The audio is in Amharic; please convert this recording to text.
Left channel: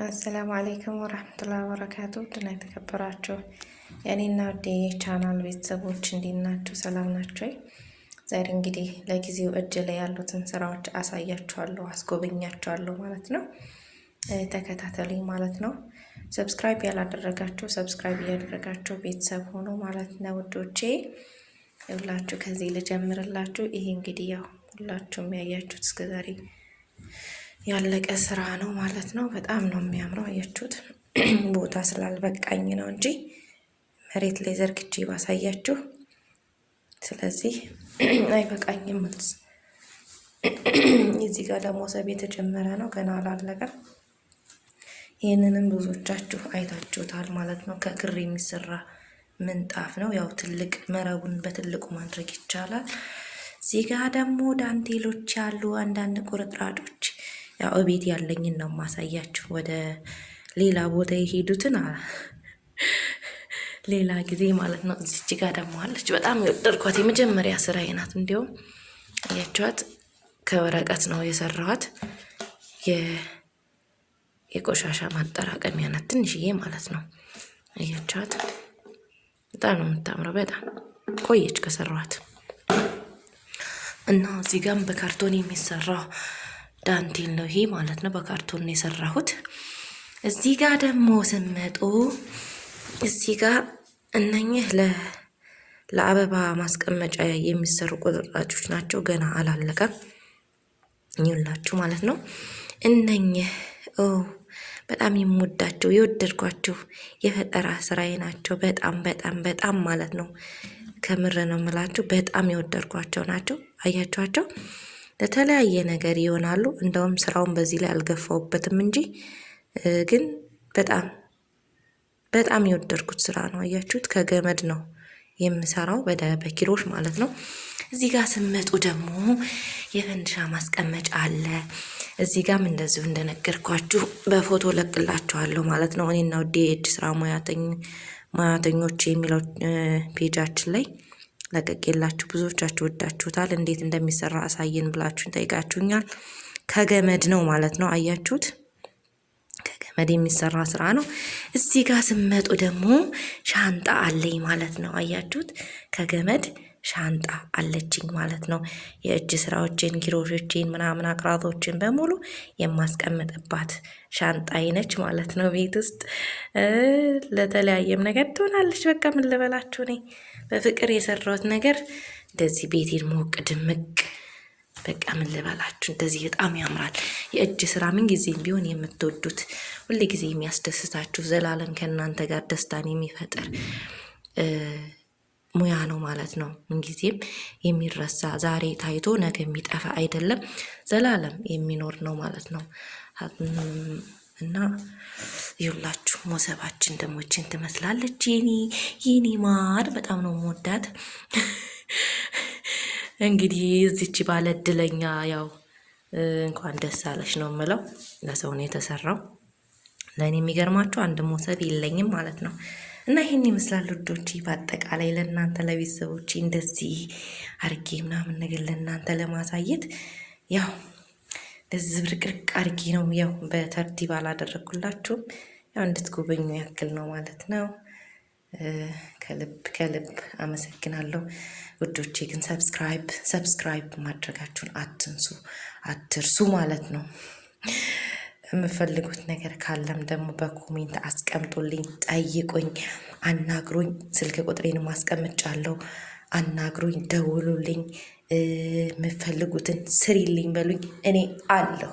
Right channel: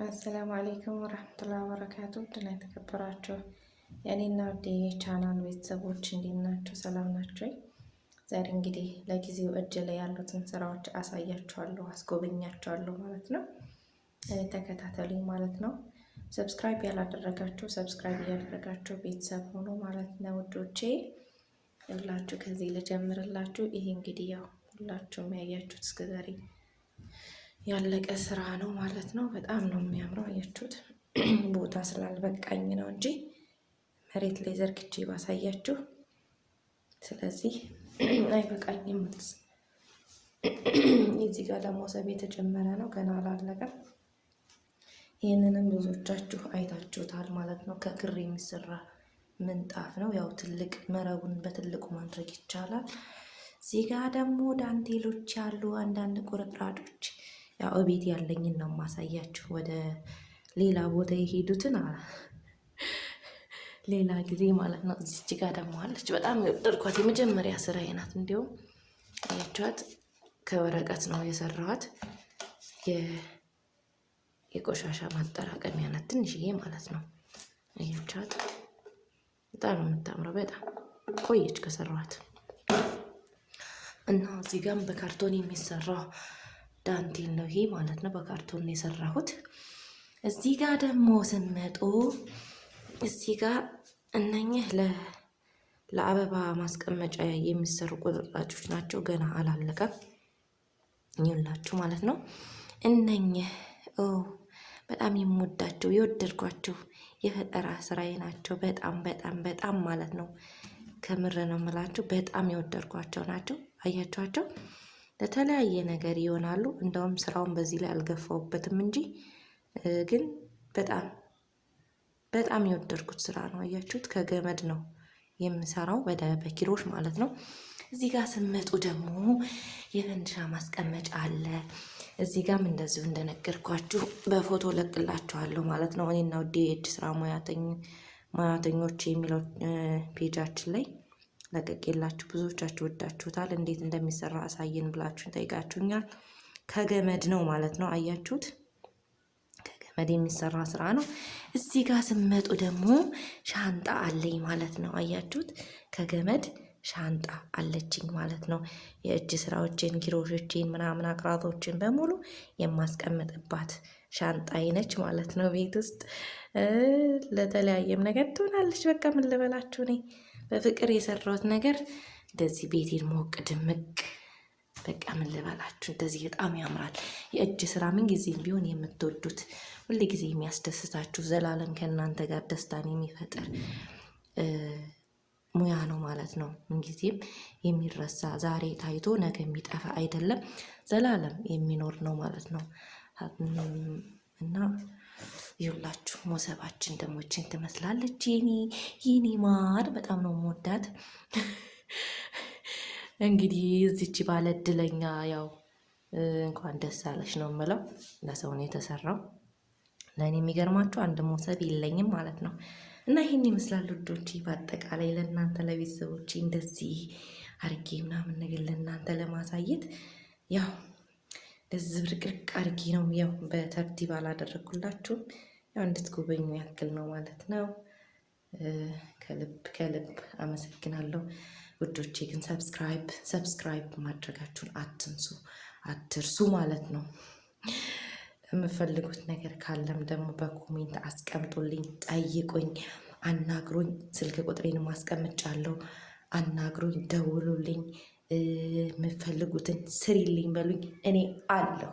አሰላሙ አለይኩም ወራህመቱላሂ ወበረካቱ። ድና የተከበራችሁ የኔና ወዴ ቻናል ቤተሰቦች እንዴት ናችሁ? ሰላም ናችሁ? ዛሬ እንግዲህ ለጊዜው እጅ ላይ ያሉትን ስራዎች አሳያችኋለሁ፣ አስጎበኛችኋለሁ ማለት ነው። ተከታተሉኝ ማለት ነው። ሰብስክራይብ ያላደረጋችሁ ሰብስክራይብ እያደረጋችሁ ቤተሰብ ሆኖ ማለት ነው ውዶቼ። ሁላችሁ ከዚህ ልጀምርላችሁ። ይሄ እንግዲህ ያው ሁላችሁም ያያችሁት እስከዛሬ ያለቀ ስራ ነው ማለት ነው። በጣም ነው የሚያምረው። አያችሁት? ቦታ ስላልበቃኝ ነው እንጂ መሬት ላይ ዘርግቼ ባሳያችሁ፣ ስለዚህ አይበቃኝም። እዚህ ጋር ደግሞ ሰብ የተጀመረ ነው፣ ገና አላለቀም። ይህንንም ብዙዎቻችሁ አይታችሁታል ማለት ነው። ከክር የሚሰራ ምንጣፍ ነው። ያው ትልቅ መረቡን በትልቁ ማድረግ ይቻላል። እዚህ ጋር ደግሞ ዳንቴሎች ያሉ አንዳንድ ቁርጥራጮች፣ ያው እቤት ያለኝን ነው ማሳያችሁ። ወደ ሌላ ቦታ የሄዱትን ሌላ ጊዜ ማለት ነው። እዚች ጋር ደግሞ አለች፣ በጣም የወደድኳት የመጀመሪያ ስራዬ ናት። እንዲያውም አያችኋት? ከወረቀት ነው የሰራኋት። የቆሻሻ ማጠራቀሚያ ናት፣ ትንሽዬ ማለት ነው። አያችኋት? በጣም ነው የምታምረው። በጣም ቆየች ከሰራኋት እና እዚህ ጋርም በካርቶን የሚሰራው ዳንቴል ነው ይሄ ማለት ነው። በካርቶን ነው የሰራሁት። እዚህ ጋር ደግሞ ስመጡ እዚህ ጋር እነኚህ ለአበባ ማስቀመጫ የሚሰሩ ቁርጥራጮች ናቸው። ገና አላለቀም ይውላችሁ ማለት ነው። እነኚህ በጣም የምወዳቸው የወደድኳቸው የፈጠራ ስራዬ ናቸው። በጣም በጣም በጣም ማለት ነው። ከምር ነው የምላችሁ። በጣም የወደድኳቸው ናቸው። አያችኋቸው? ለተለያየ ነገር ይሆናሉ። እንደውም ስራውን በዚህ ላይ አልገፋውበትም እንጂ ግን በጣም በጣም የወደድኩት ስራ ነው። አያችሁት? ከገመድ ነው የምሰራው በኪሮሽ ማለት ነው። እዚህ ጋር ስመጡ ደግሞ የፈንድሻ ማስቀመጫ አለ። እዚህ ጋርም እንደዚሁ እንደነገርኳችሁ በፎቶ ለቅላችኋለሁ ማለት ነው። እኔና ውዴ የእጅ ስራ ሙያተኞች የሚለው ፔጃችን ላይ ለቀቄላችሁ። ብዙዎቻችሁ ወዳችሁታል። እንዴት እንደሚሰራ አሳየን ብላችሁን ጠይቃችሁኛል። ከገመድ ነው ማለት ነው። አያችሁት? ከገመድ የሚሰራ ስራ ነው። እዚህ ጋር ስመጡ ደግሞ ሻንጣ አለኝ ማለት ነው። አያችሁት? ከገመድ ሻንጣ አለችኝ ማለት ነው። የእጅ ስራዎችን፣ ኪሮሾችን፣ ምናምን አቅራቶችን በሙሉ የማስቀምጥባት ሻንጣ አይነች ማለት ነው። ቤት ውስጥ ለተለያየም ነገር ትሆናለች። በቃ ምን ልበላችሁ፣ እኔ በፍቅር የሰራሁት ነገር እንደዚህ ቤቴን ሞቅ ድምቅ፣ በቃ ምን ልበላችሁ፣ እንደዚህ በጣም ያምራል። የእጅ ስራ ምን ጊዜም ቢሆን የምትወዱት ሁሌ ጊዜ የሚያስደስታችሁ ዘላለም ከእናንተ ጋር ደስታን የሚፈጥር ሙያ ነው ማለት ነው። ምንጊዜም የሚረሳ ዛሬ ታይቶ ነገ የሚጠፋ አይደለም፣ ዘላለም የሚኖር ነው ማለት ነው። እና ይኸውላችሁ ሞሰባችን ደግሞ እችን ትመስላለች። የኔ ማር በጣም ነው የምወዳት። እንግዲህ እዚች ባለ እድለኛ ያው እንኳን ደስ አለሽ ነው የምለው። ለሰው ነው የተሰራው። ለእኔ የሚገርማችሁ አንድ ሞሰብ የለኝም ማለት ነው። እና ይሄን ይመስላል ውዶቼ። በአጠቃላይ ለእናንተ ለቤተሰቦቼ እንደዚህ አርጌ ምናምን ነገር ለእናንተ ለማሳየት ያው እንደዚህ ብርቅርቅ አርጌ ነው። ያው በተርቲብ አላደረኩላችሁም፣ ያው እንድትጎበኙ ያክል ነው ማለት ነው። ከልብ ከልብ አመሰግናለሁ ውዶቼ። ግን ሰብስክራይብ ማድረጋችሁን አትርሱ ማለት ነው። የምፈልጉት ነገር ካለም ደግሞ በኮሜንት አስቀምጡልኝ፣ ጠይቁኝ፣ አናግሩኝ። ስልክ ቁጥሬን ማስቀምጫለሁ። አናግሩኝ፣ ደውሉልኝ፣ የምፈልጉትን ስሪልኝ በሉኝ። እኔ አለሁ።